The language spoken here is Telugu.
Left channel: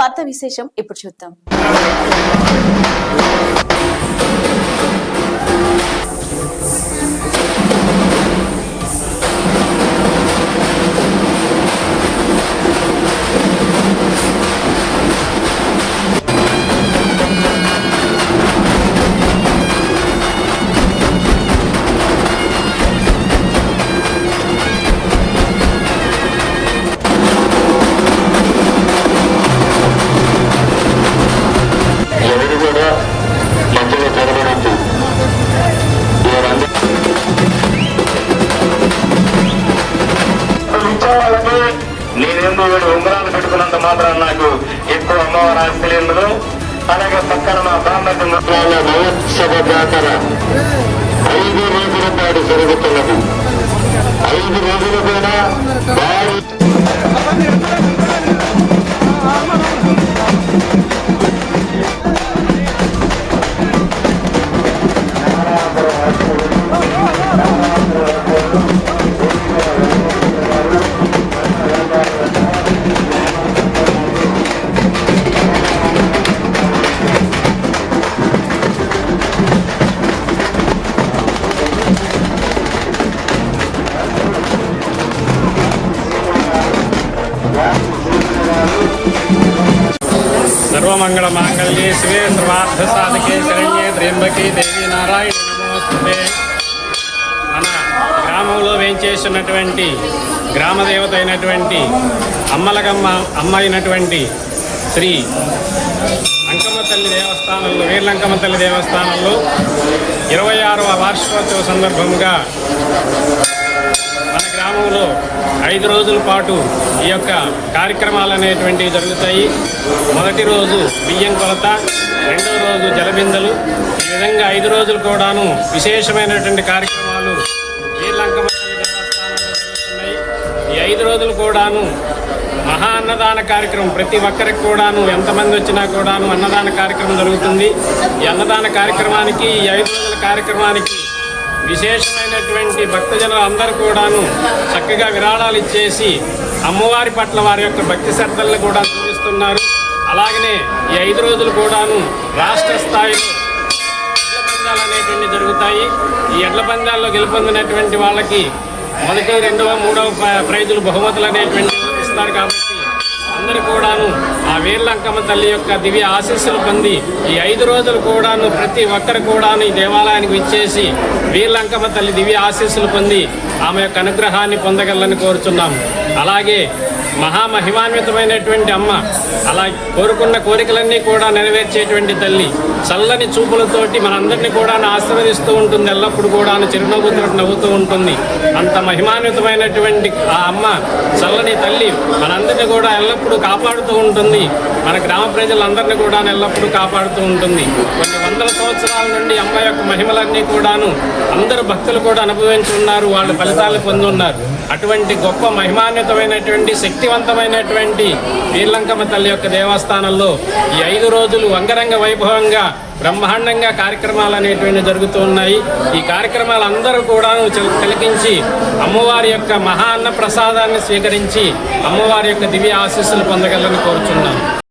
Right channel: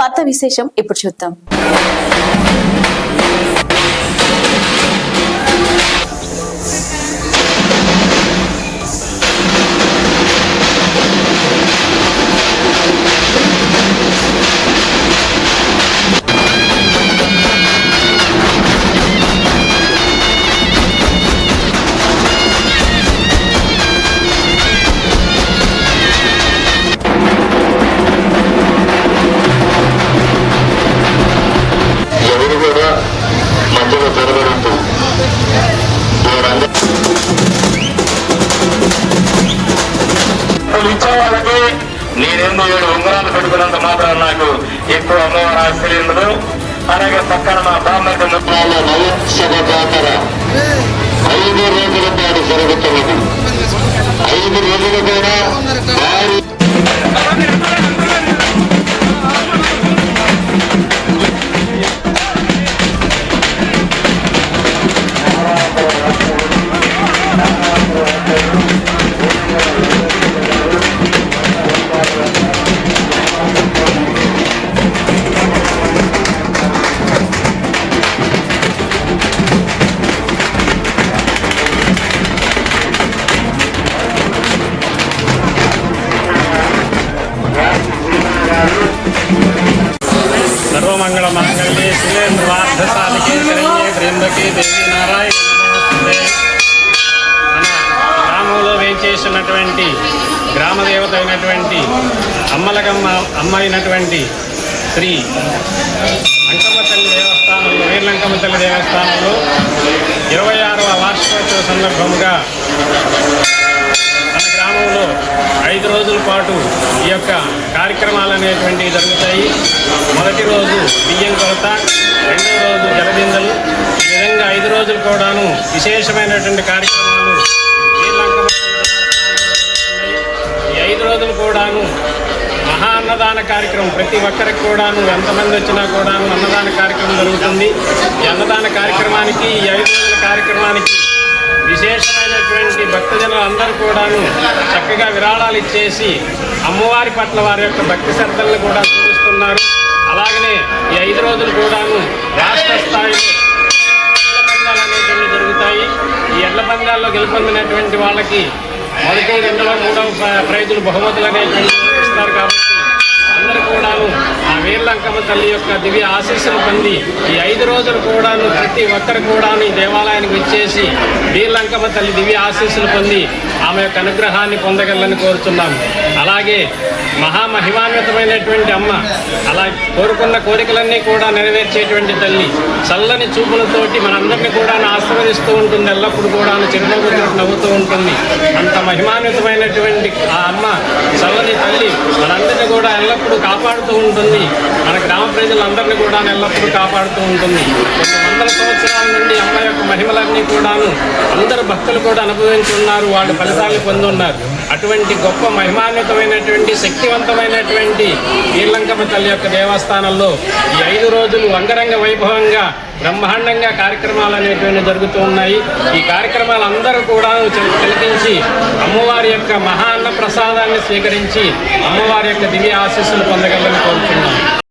వార్తా విశేషం ఇప్పుడు చూద్దాం. ఉత్సవాలకి నేనెందు 7 ఉంగరాలు పెట్టుకున్నంత మాత్రం నాకు ఎక్కువ అమ్మవారు ఆశ్చర్యంలో. అలాగే పక్కన మా బ్రాహ్మణ మహోత్సవ జాతర 5 రోజుల పాటు జరుగుతున్నది. 5 రోజులు కూడా భారీ सर्वमंगल मांगल्ये शिवे सर्वार्थ साधके शरण्ये त्र्यंबके देवी नारायण नमोस्तुते. మన గ్రామంలో వేంచేసినటువంటి గ్రామదేవత అయినటువంటి అమ్మలగమ్మ అమ్మ అయినటువంటి శ్రీ అంకమ్మ తల్లి దేవస్థానంలో వీర్లంకమ్మ తల్లి దేవస్థానంలో 26వ వార్షికోత్సవ సందర్భముగా మన గ్రామంలో 5 రోజుల పాటు ఈ యొక్క కార్యక్రమాలు అనేటువంటివి జరుగుతాయి. మొదటి రోజు బియ్యం కొలత, రెండవ రోజు జలబిందెలు, ఈ విధంగా 5 రోజులు కూడాను విశేషమైనటువంటి కార్యక్రమాలు వీర్లంకమ్మ దేవస్థానంలో జరుగుతున్నాయి. ఈ 5 రోజులు కూడాను మహా అన్నదాన కార్యక్రమం, ప్రతి ఒక్కరికి కూడాను ఎంతమంది వచ్చినా కూడాను అన్నదాన కార్యక్రమం జరుగుతుంది. ఈ అన్నదాన కార్యక్రమానికి, ఈ 5 రోజుల కార్యక్రమానికి విశేషమైనటువంటి భక్తజనులు అందరూ కూడాను చక్కగా విరాళాలు ఇచ్చేసి అమ్మవారి పట్ల వారి యొక్క భక్తి శ్రద్ధలను కూడా చూపిస్తున్నారు. అలాగనే ఈ 5 రోజులు కూడాను రాష్ట్ర స్థాయిలో ఎడ్ల పందాలు అనేటువంటి జరుగుతాయి. ఈ ఎడ్ల పందాల్లో గెలుపొందినటువంటి వాళ్ళకి మొదటి, 2వ, 3వ ప్రైజులు బహుమతులు అనేటువంటి ఇస్తారు. కాబట్టి అందరూ కూడాను ఆ వీర్లంకమ్మ తల్లి యొక్క దివ్య ఆశీస్సులు పొంది ఈ 5 రోజులు కూడాను ప్రతి ఒక్కరు కూడాను ఈ దేవాలయానికి వచ్చేసి వీర్లంకమ్మ తల్లి దివ్య ఆశీస్సులు పొంది ఆమె యొక్క అనుగ్రహాన్ని పొందగలని కోరుతున్నాము. అలాగే మహామహిమాన్వితమైనటువంటి అమ్మ, అలా కోరుకున్న కోరికలన్నీ కూడా నెరవేర్చేటువంటి తల్లి, చల్లని చూపులతోటి మనందరినీ కూడా ఆశీర్వదిస్తూ ఉంటుంది. ఎల్లప్పుడూ కూడా చిరునవ్వుతూ నవ్వుతూ ఉంటుంది. అంత మహిమాన్వితమైనటువంటి ఆ అమ్మ చల్లని తల్లి మనందరినీ కూడా ఎల్లప్పుడూ కాపాడుతూ ఉంటుంది. మన గ్రామ ప్రజలందరినీ కూడా ఎల్లప్పుడూ కాపాడుతూ ఉంటుంది. కొన్ని వందల సంవత్సరాల నుండి అమ్మ యొక్క మహిమలన్నీ కూడాను అందరు భక్తులు కూడా అనుభవించి ఉన్నారు, వాళ్ళు ఫలితాలు పొంది ఉన్నారు. అటువంటి గొప్ప మహిమాన్వితమైనటువంటి శక్తివంతమైనటువంటి వీర్లంకమ్మ తల్లి యొక్క దేవస్థానంలో ఈ 5 రోజులు అంగరంగ వైభవంగా బ్రహ్మాండంగా కార్యక్రమాలు అనేటువంటి జరుగుతూ ఉన్నాయి. ఈ కార్యక్రమాలు అందరూ కూడా తిలకించి అమ్మవారి యొక్క మహా అన్న ప్రసాదాన్ని స్వీకరించి అమ్మవారి యొక్క దివ్య ఆశీస్సులు పొందగలని కోరుచున్నాను.